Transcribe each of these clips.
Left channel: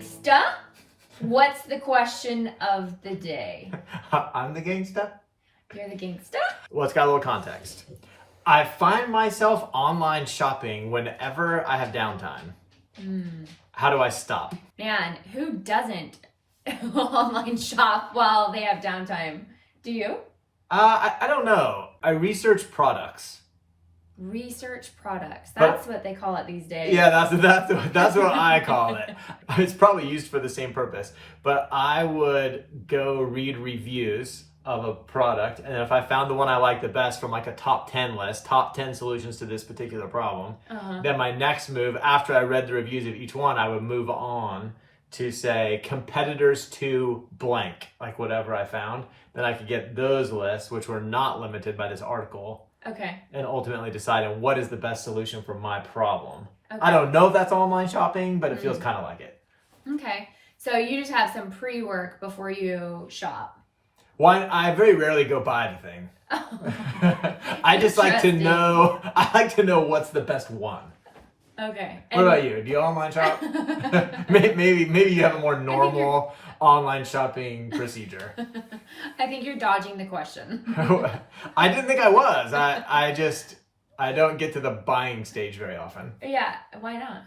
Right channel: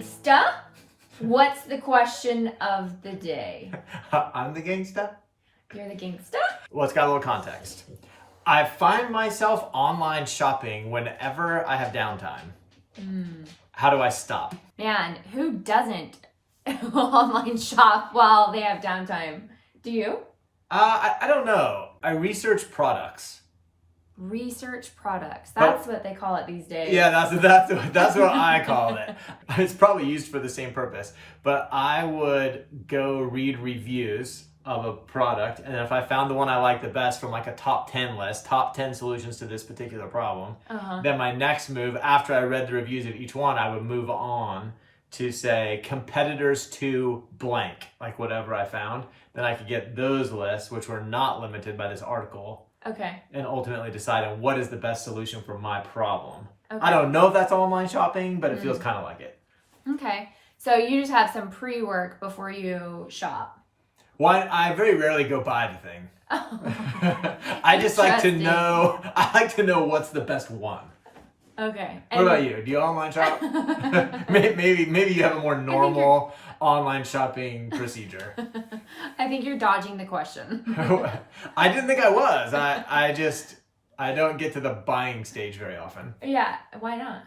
gangsta. What's the question of the day? I'm the gangsta? You're the gangsta? Well, it's got a little context. I find myself online shopping whenever I have downtime. How do I stop? Man, who doesn't online shop while they have downtime? Do you? I don't know. I research products. Research products. That's what they call it these days. Yeah, that's what I call it. It's probably used for the same purpose. But I would go read reviews of a product, and if I found the one I like the best from like a top 10 list, top 10 solutions to this particular problem, then my next move, after I read the reviews of each one, I would move on to say competitors to blank, like whatever I found. Then I could get those lists, which were not limited by this article. Okay. And ultimately deciding what is the best solution for my problem. Okay. I don't know if that's online shopping, but it feels kind of like it. Okay. So you just have some pre-work before you shop. Well, I very rarely go buy the thing. I just like to know. I like to know what's the best one. Okay. What about you? Do you online shop? maybe you have a more normal online shopping procedure. I think you're dodging the question. I didn't think I was. I don't get to the buying stage very often. Yeah. Why not?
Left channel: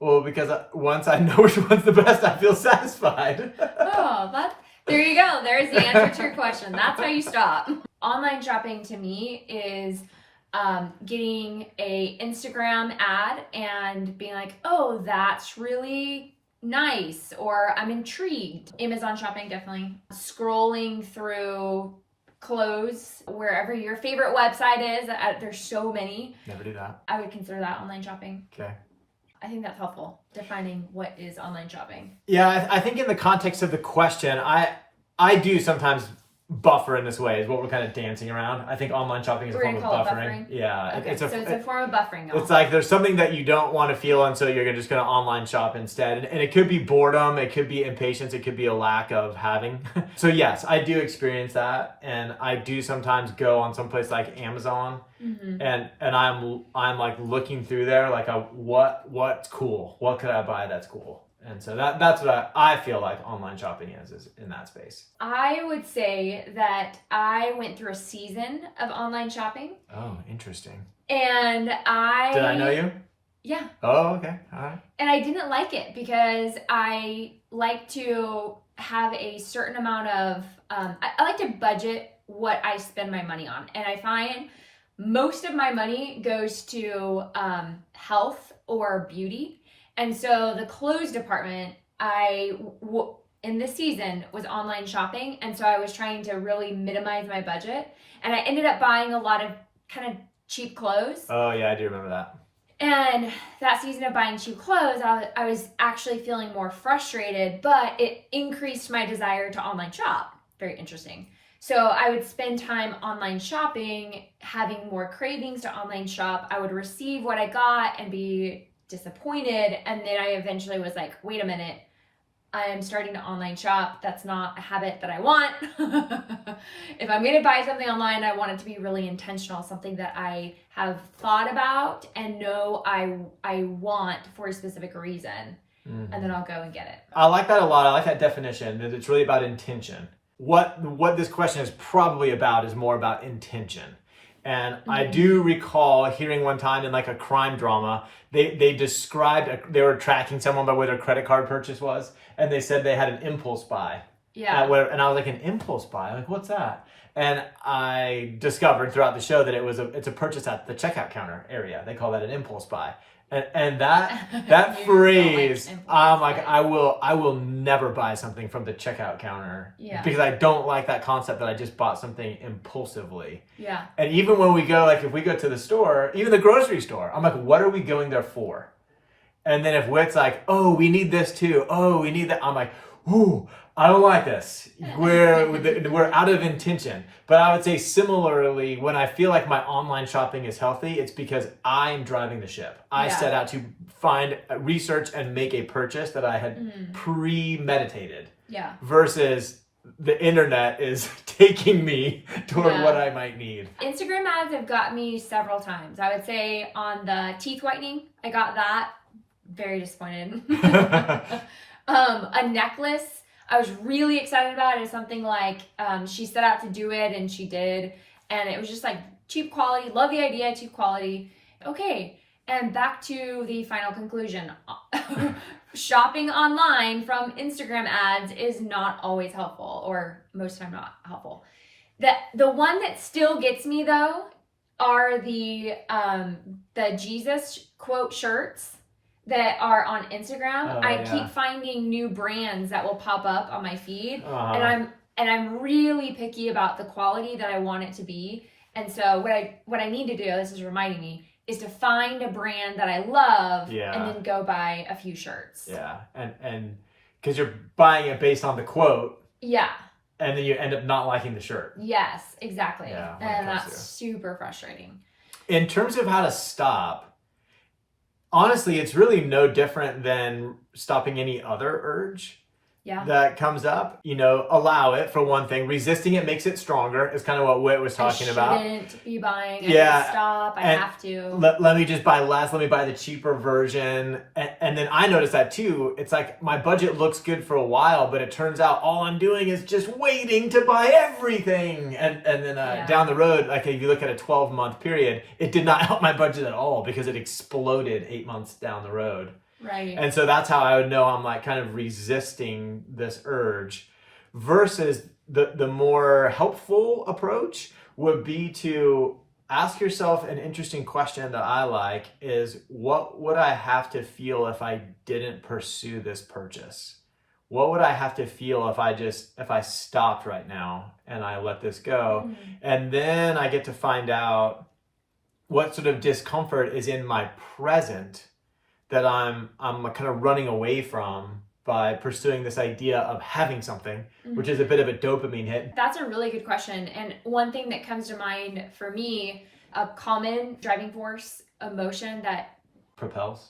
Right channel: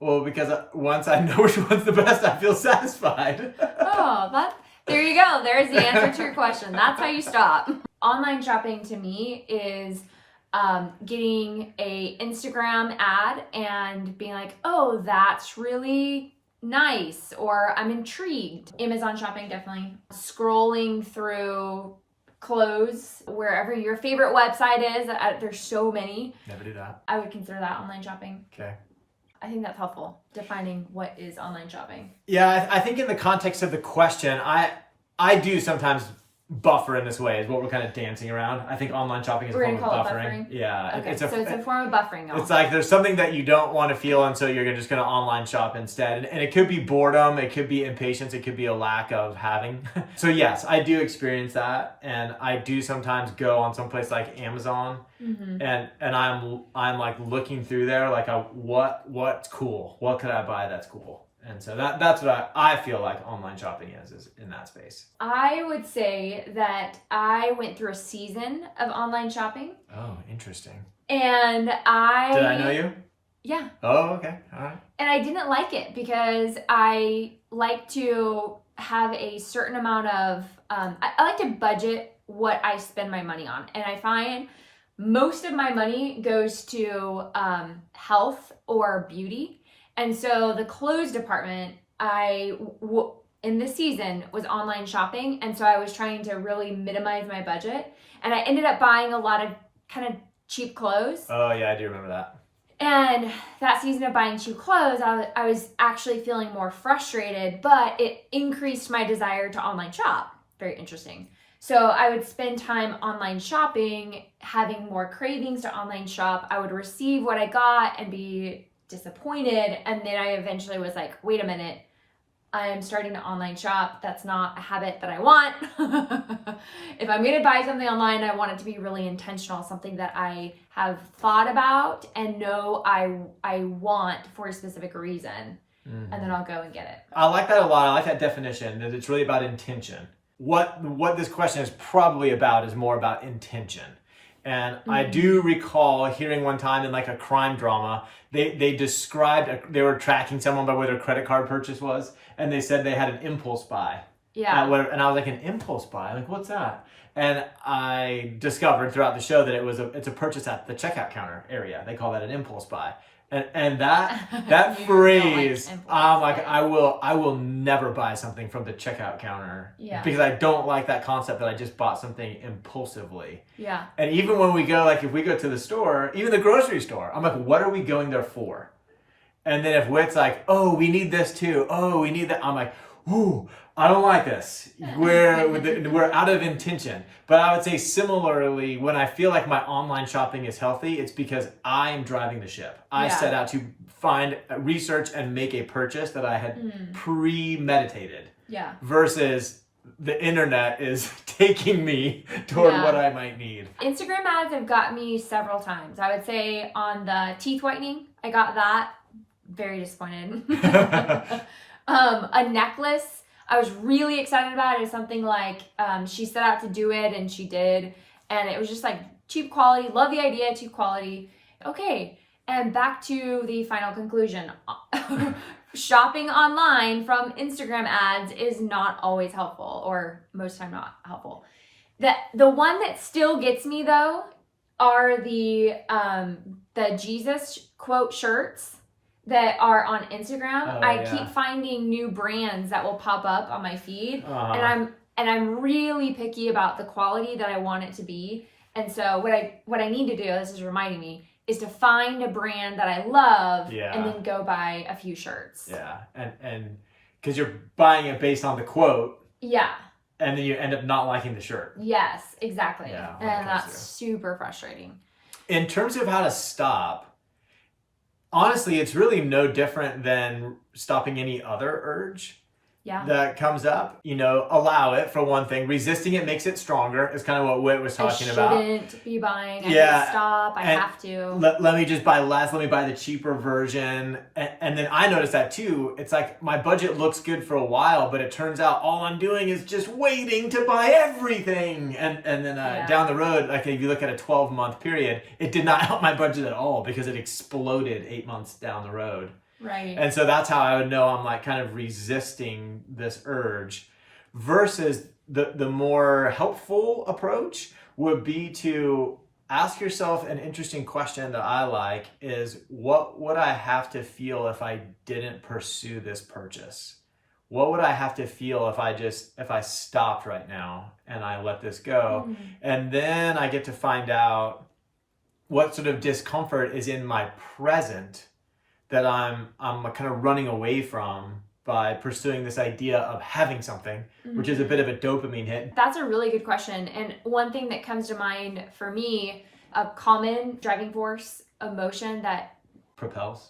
Well, because once I know which one's the best, I feel satisfied. There you go. There's the answer to your question. That's how you stop. Online shopping to me is getting a Instagram ad and being like, oh, that's really nice, or I'm intrigued. Amazon shopping, definitely. Scrolling through clothes, wherever your favorite website is. There's so many. Never do that. I would consider that online shopping. Okay. I think that's helpful, defining what is online shopping. Yeah, I think in the context of the question, I do sometimes buffer in this way, is what we're kind of dancing around. I think online shopping is a form of buffering. Yeah. Okay, so it's a form of buffering. It's like there's something that you don't want to feel, and so you're just going to online shop instead. And it could be boredom, it could be impatience, it could be a lack of having. So yes, I do experience that, and I do sometimes go on some place like Amazon, and I'm like looking through there, like what's cool, what could I buy that's cool. And so that's what I feel like online shopping is in that space. I would say that I went through a season of online shopping. Oh, interesting. And Did I know you? Yeah. Oh, okay. All right. And I didn't like it because I like to have a certain amount of, I like to budget what I spend my money on. And I find most of my money goes to health or beauty. And so the clothes department, in this season was online shopping. And so I was trying to really minimize my budget. And I ended up buying a lot of kind of cheap clothes. Oh, yeah, I do remember that. And that season of buying cheap clothes, I was actually feeling more frustrated, but it increased my desire to online shop. Very interesting. So I would spend time online shopping, having more cravings to online shop. I would receive what I got and be disappointed, and then I eventually was like, wait a minute, I am starting to online shop. That's not a habit that I want. If I'm going to buy something online, I want it to be really intentional, something that I have thought about and know I want for a specific reason, and then I'll go and get it. I like that a lot. I like that definition, that it's really about intention. What this question is probably about is more about intention. And I do recall hearing one time in like a crime drama, they described, they were tracking someone by where their credit card purchase was, and they said they had an impulse buy. Yeah. And I was like, an impulse buy? Like, what's that? And I discovered throughout the show that it's a purchase at the checkout counter area. They call that an impulse buy. And that phrase, I'm like, I will never buy something from the checkout counter, because I don't like that concept that I just bought something impulsively. Yeah. And even when we go, like if we go to the store, even the grocery store, I'm like, what are we going there for? And then if Whit's like, oh, we need this too. Oh, we need that. I'm like, ooh, I don't like this. We're out of intention. But I would say similarly, when I feel like my online shopping is healthy, it's because I'm driving the ship. I set out to find, research, and make a purchase that I had premeditated. Yeah. Versus the internet is taking me toward what I might need. Instagram ads have got me several times. I would say on the teeth whitening, I got that very disappointed. A necklace I was really excited about is something like she set out to do it and she did, and it was just like cheap quality. Love the idea, cheap quality. Okay, and back to the final conclusion. Shopping online from Instagram ads is not always helpful, or most time not helpful. The one that still gets me though are the Jesus quote shirts that are on Instagram. I keep finding new brands that will pop up on my feed, and I'm really picky about the quality that I want it to be. And so what I need to do, this is reminding me, is to find a brand that I love and then go buy a few shirts. Yeah, and because you're buying it based on the quote. Yeah. And then you end up not liking the shirt. Yes, exactly. Yeah, and that's super frustrating. In terms of how to stop, honestly, it's really no different than stopping any other urge that comes up. You know, allow it for one thing. Resisting it makes it stronger. Is kind of what Whit was talking about. I shouldn't be buying. I should stop. I have to. Let me just buy less. Let me buy the cheaper version. And then I noticed that too. It's like my budget looks good for a while, but it turns out all I'm doing is just waiting to buy everything. And then down the road, like if you look at a 12-month period, it did not help my budget at all because it exploded 8 months down the road. Right. And so that's how I would know I'm like kind of resisting this urge, versus the more helpful approach would be to ask yourself an interesting question that I like is, what would I have to feel if I didn't pursue this purchase? What would I have to feel if I stopped right now and I let this go? Mm-hmm. And then I get to find out what sort of discomfort is in my present that I'm kind of running away from by pursuing this idea of having something, which is a bit of a dopamine hit. That's a really good question. And one thing that comes to mind for me, a common driving force emotion that propels.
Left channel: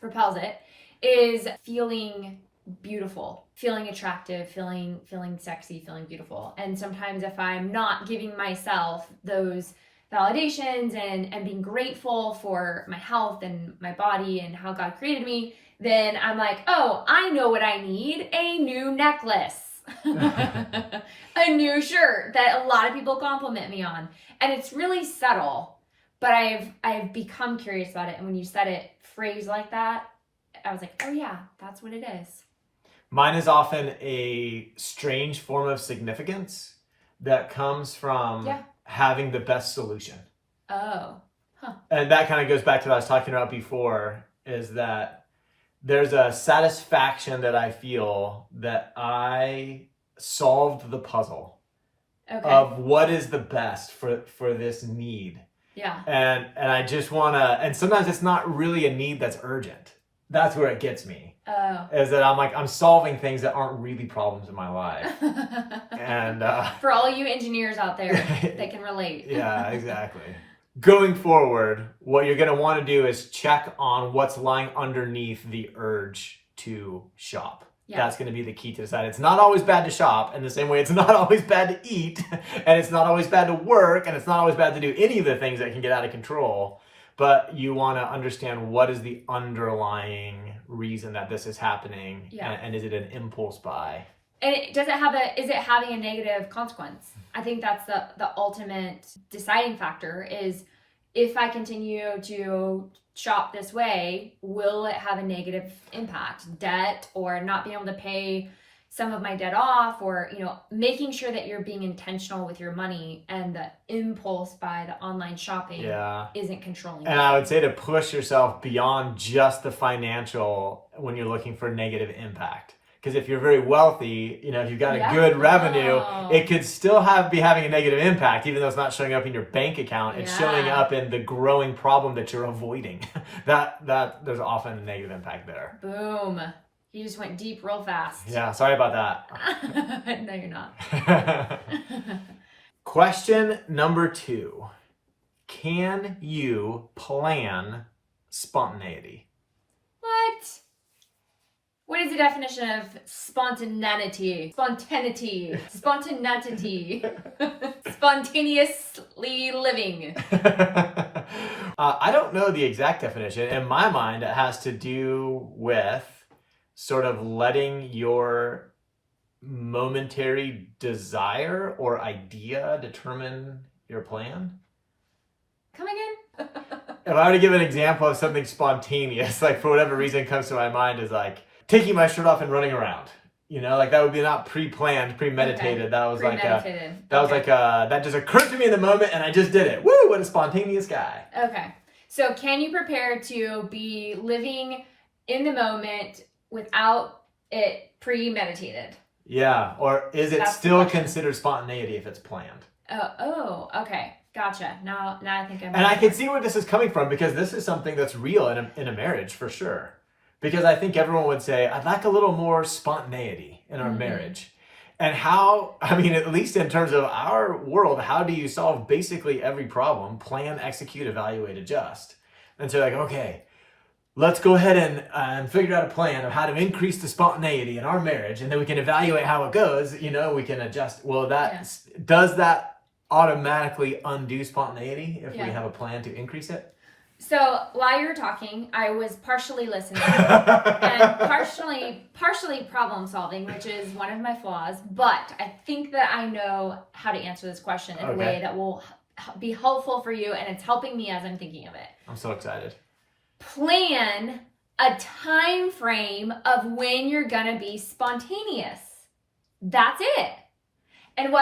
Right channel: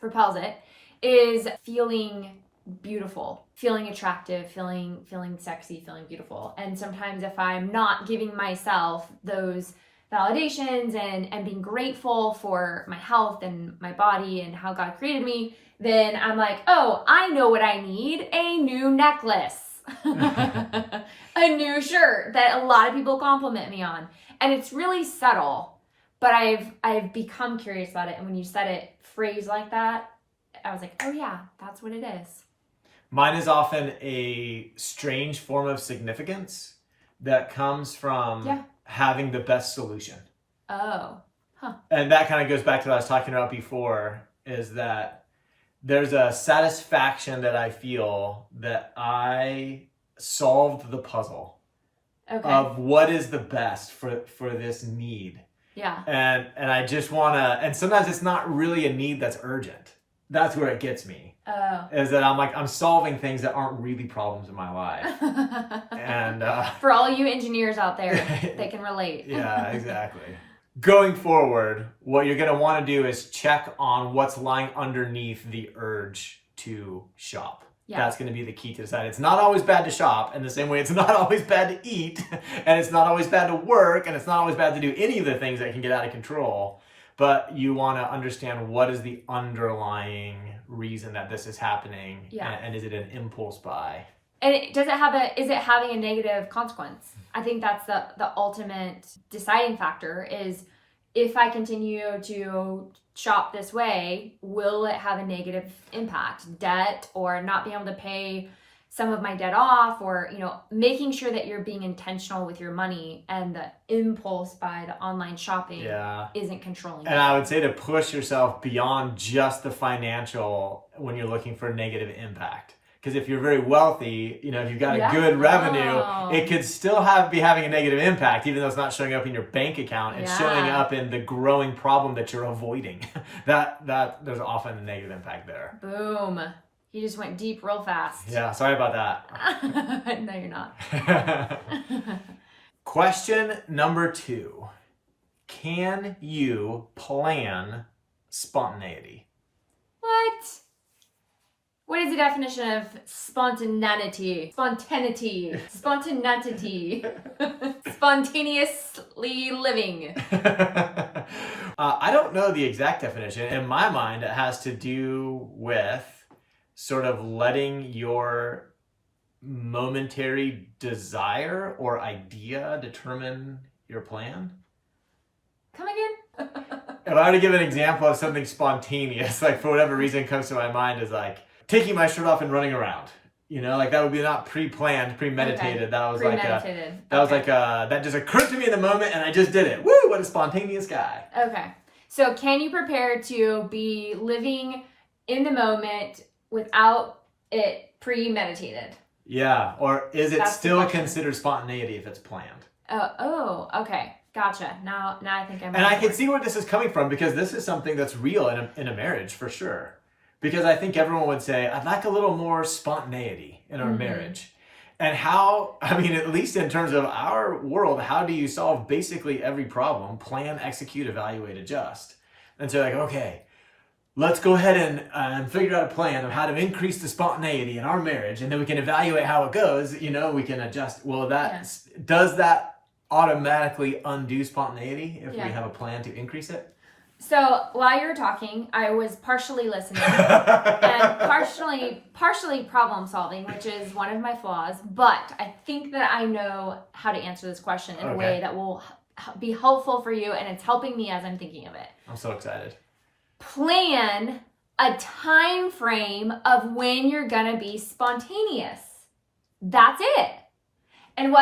Propels it, is feeling beautiful, feeling attractive, feeling sexy, feeling beautiful. And sometimes if I'm not giving myself those validations and being grateful for my health and my body and how God created me, then I'm like, oh, I know what I need, a new necklace, a new shirt that a lot of people compliment me on. And it's really subtle, but I've become curious about it. And when you said it phrased like that, I was like, oh yeah, that's what it is. Mine is often a strange form of significance that comes from having the best solution. Oh. Huh. And that kind of goes back to what I was talking about before, is that there's a satisfaction that I feel that I solved the puzzle of what is the best for this need. Yeah. And I just want to, and sometimes it's not really a need that's urgent. That's where it gets me. Oh. Is that I'm solving things that aren't really problems in my life. And for all you engineers out there that can relate. Yeah, exactly. Going forward, what you're going to want to do is check on what's lying underneath the urge to shop. Yeah. That's going to be the key to decide. It's not always bad to shop, in the same way it's not always bad to eat, and it's not always bad to work, and it's not always bad to do any of the things that can get out of control. But you want to understand what is the underlying reason that this is happening, and is it an impulse buy? And is it having a negative consequence? I think that's the ultimate deciding factor is, if I continue to shop this way, will it have a negative impact? Debt, or not being able to pay some of my debt off, or, making sure that you're being intentional with your money and the impulse buy, the online shopping isn't controlling. And I would say to push yourself beyond just the financial when you're looking for negative impact. Because if you're very wealthy, if you've got a good revenue, it could still be having a negative impact, even though it's not showing up in your bank account. It's showing up in the growing problem that you're avoiding. that there's often a negative impact there. Boom. You just went deep real fast. Yeah, sorry about that. No, you're not. Question number 2. Can you plan spontaneity? What? What is the definition of spontaneity? Spontaneity. Spontaneity. Spontaneously living. I don't know the exact definition. In my mind, it has to do with sort of letting your momentary desire or idea determine your plan. Come again? If I were to give an example of something spontaneous, like for whatever reason comes to my mind, is like taking my shirt off and running around. You know, like that would be not pre-planned, premeditated. Okay. That was Premeditated. that just occurred to me in the moment and I just did it. Woo, what a spontaneous guy. Okay. So can you prepare to be living in the moment without it premeditated? Yeah, or is it That's the still question. considered spontaneity if it's planned? Oh, okay. Gotcha. Now I think I'm. And I can see where this is coming from because this is something that's real in a marriage for sure. Because I think everyone would say, I'd like a little more spontaneity in our marriage. And how, I mean, at least in terms of our world, how do you solve basically every problem? Plan, execute, evaluate, adjust. And so like, okay, let's go ahead and figure out a plan of how to increase the spontaneity in our marriage. And then we can evaluate how it goes. You know, we can adjust. Well, does that automatically undo spontaneity if we have a plan to increase it? So while you were talking, I was partially listening and partially problem solving, which is one of my flaws. But I think that I know how to answer this question in a way that will be helpful for you, and it's helping me as I'm thinking of it. I'm so excited. Plan a time frame of when you're gonna be spontaneous. That's it. And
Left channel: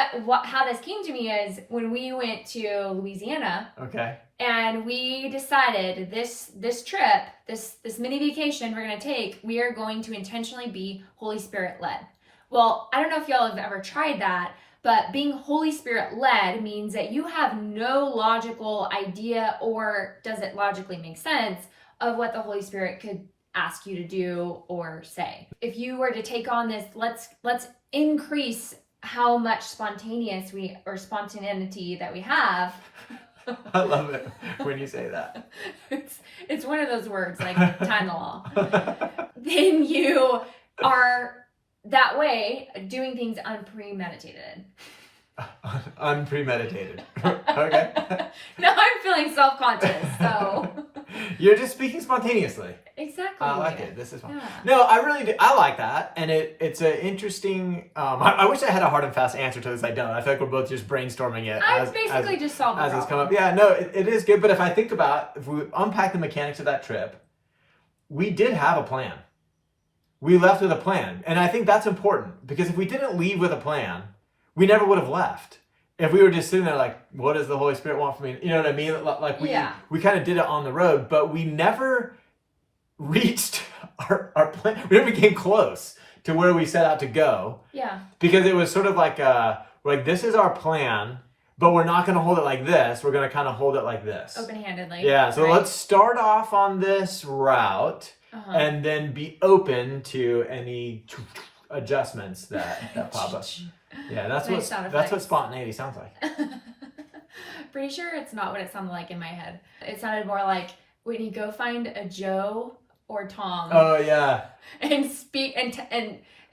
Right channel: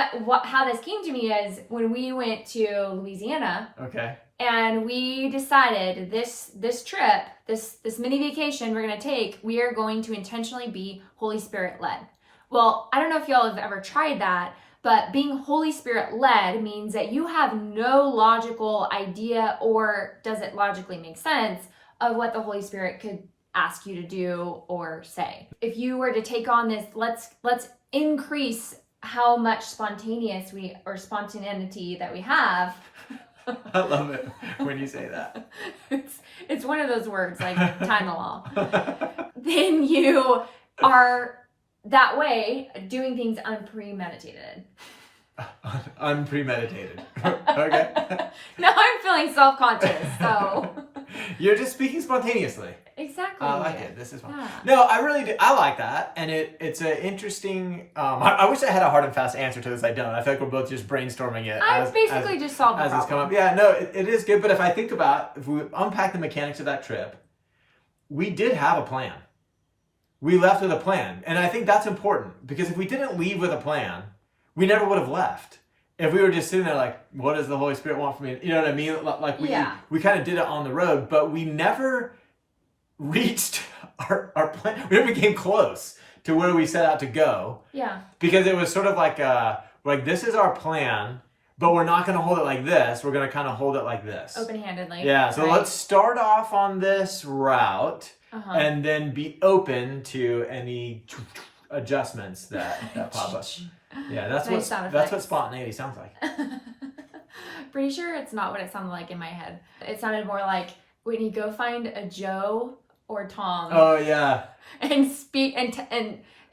how this came to me is when we went to Louisiana. Okay. And we decided this trip, this mini vacation we're going to take, we are going to intentionally be Holy Spirit led. Well, I don't know if y'all have ever tried that, but being Holy Spirit led means that you have no logical idea, or does it logically make sense, of what the Holy Spirit could ask you to do or say. If you were to take on this, let's increase how much spontaneity that we have. I love it when you say that. It's one of those words like Tylenol. Then you are that way doing things unpremeditated. Unpremeditated. Okay. Now I'm feeling self-conscious, so. You're just speaking spontaneously. Exactly. I like it. This is fun. Yeah. No, I really do. I like that. And it's an interesting, I wish I had a hard and fast answer to this. I don't. I feel like we're both just brainstorming it. I basically just solved the as it's come problem. up. Yeah, no, it is good. But if I think about, if we unpack the mechanics of that trip, we did have a plan. We left with a plan. And I think that's important because if we didn't leave with a plan, we never would have left. If we were just sitting there like, what does the Holy Spirit want from me? You know what I mean? Like we kind of did it on the road, but we never reached our plan. We never came close to where we set out to go. Yeah. Because it was sort of like, this is our plan, but we're not going to hold it like this. We're going to kind of hold it like this. Open-handedly. Yeah. So let's start off on this route and then be open to any adjustments that pop up. Yeah, that's what spontaneity sounds like. Pretty sure it's not what it sounded like in my head. It sounded more like when you go find a Joe or Tom. Oh yeah. And speak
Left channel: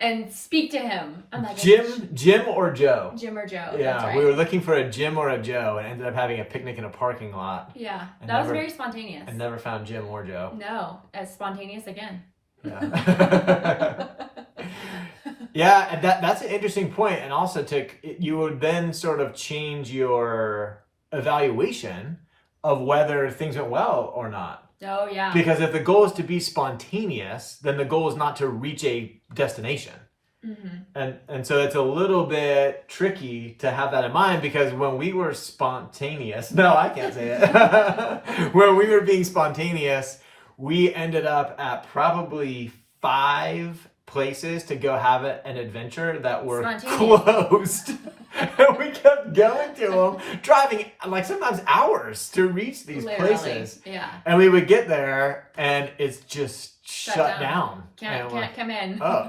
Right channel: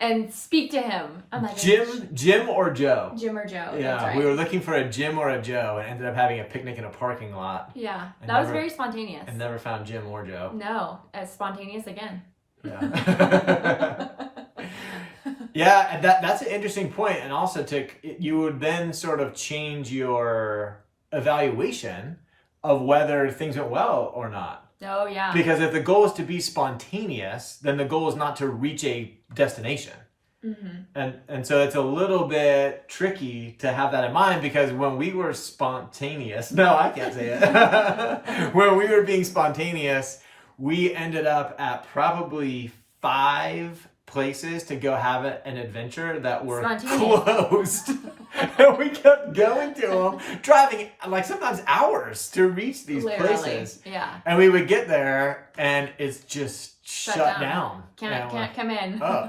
and speak to him. I'm like, Jim or Joe. Jim or Joe. Yeah, that's right. We were looking for a Jim or a Joe and ended up having a picnic in a parking lot. Yeah, that was very spontaneous. And never found Jim or Joe. No, as spontaneous again. Yeah. Yeah, and that's an interesting point. And also you would then sort of change your evaluation of whether things went well or not. Oh, yeah. Because if the goal is to be spontaneous, then the goal is not to reach a destination. Mm-hmm. And so it's a little bit tricky to have that in mind because when we were spontaneous, no, I can't say it. When we were being spontaneous, we ended up at probably 5 places to go have an adventure that were closed. And we kept going to them, driving like sometimes hours to reach these places. Yeah. And we would get there and it's just shut down. Can't come in. Oh.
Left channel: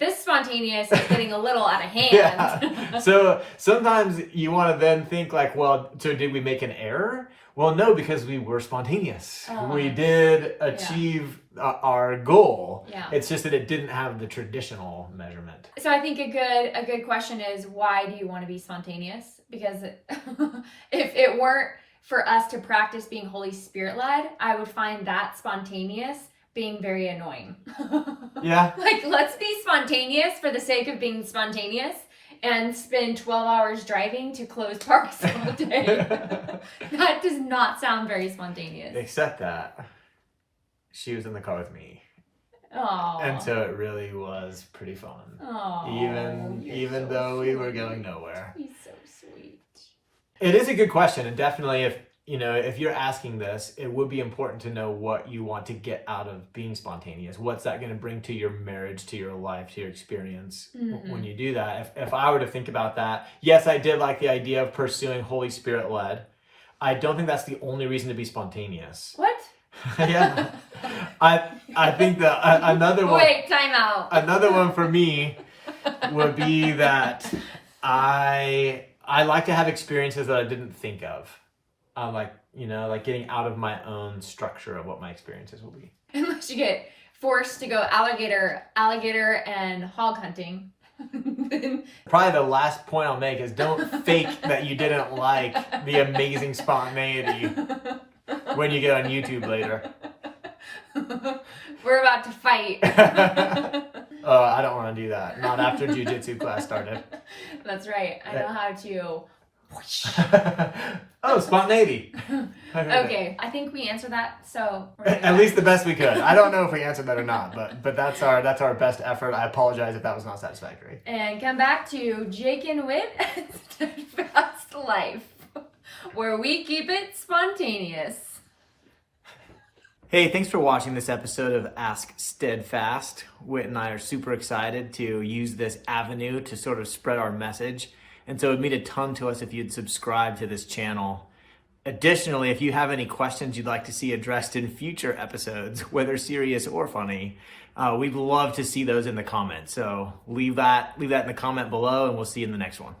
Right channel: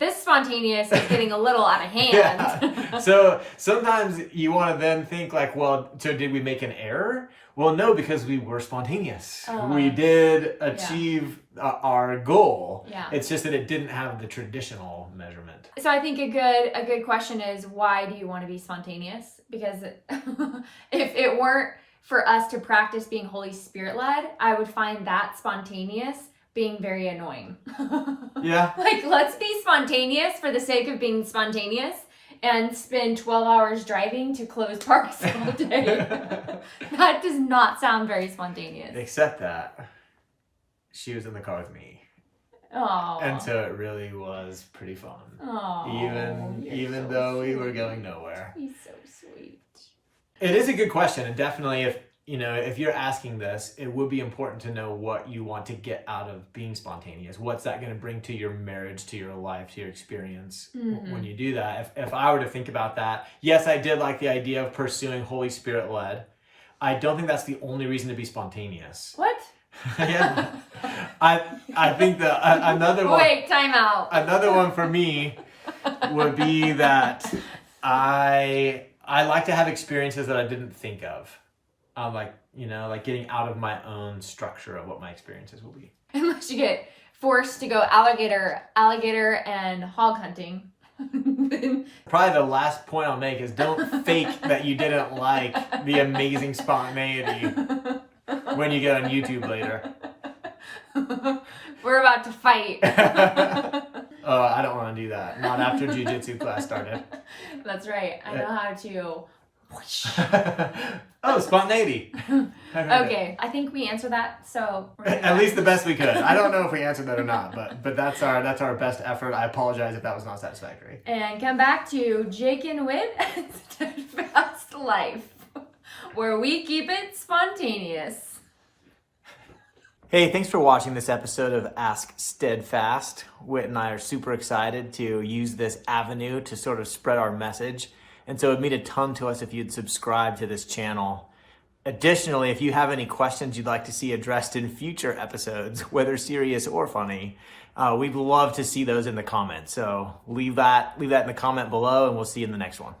This spontaneous is getting a little out of hand. Yeah. So sometimes you want to then think like, well, so did we make an error? Well, no, because we were spontaneous. We did achieve our goal. Yeah. It's just that it didn't have the traditional measurement. So I think a good question is, why do you want to be spontaneous? Because if it weren't for us to practice being Holy Spirit led, I would find that spontaneous being very annoying. Yeah. Like, let's be spontaneous for the sake of being spontaneous and spend 12 hours driving to closed parks all day. That does not sound very spontaneous. Except that she was in the car with me. Oh. And so it really was pretty fun. Oh, Even so though we sweet. were going nowhere. He's so sweet. It is a good question, and definitely if you're asking this, it would be important to know what you want to get out of being spontaneous. What's that going to bring to your marriage, to your life, to your experience when you do that? If I were to think about that, yes, I did like the idea of pursuing Holy Spirit led. I don't think that's the only reason to be spontaneous. What? Yeah. I think that another one. Wait, time out. Another one for me would be that I like to have experiences that I didn't think of. Like getting out of my own structure of what my experiences will be. Unless you get forced to go alligator and hog hunting. Probably the last point I'll make is don't fake that you didn't like the amazing spontaneity when you get on YouTube later. We're about to fight. Oh, I don't want to do that. Not after jiu-jitsu class started. That's right. I know how to. Oh, spontaneity. Okay, I think we answered that. So at least the best we could. I don't know if we answered that or not, but that's our best effort. I apologize if that was not satisfactory. And come back to Jake and Whit and Steadfast Life, where we keep it spontaneous. Hey, thanks for watching this episode of Ask Steadfast. Whit and I are super excited to use this avenue to sort of spread our message. And so it would mean a ton to us if you'd subscribe to this channel. Additionally, if you have any questions you'd like to see addressed in future episodes, whether serious or funny, we'd love to see those in the comments. So leave that in the comment below, and we'll see you in the next one.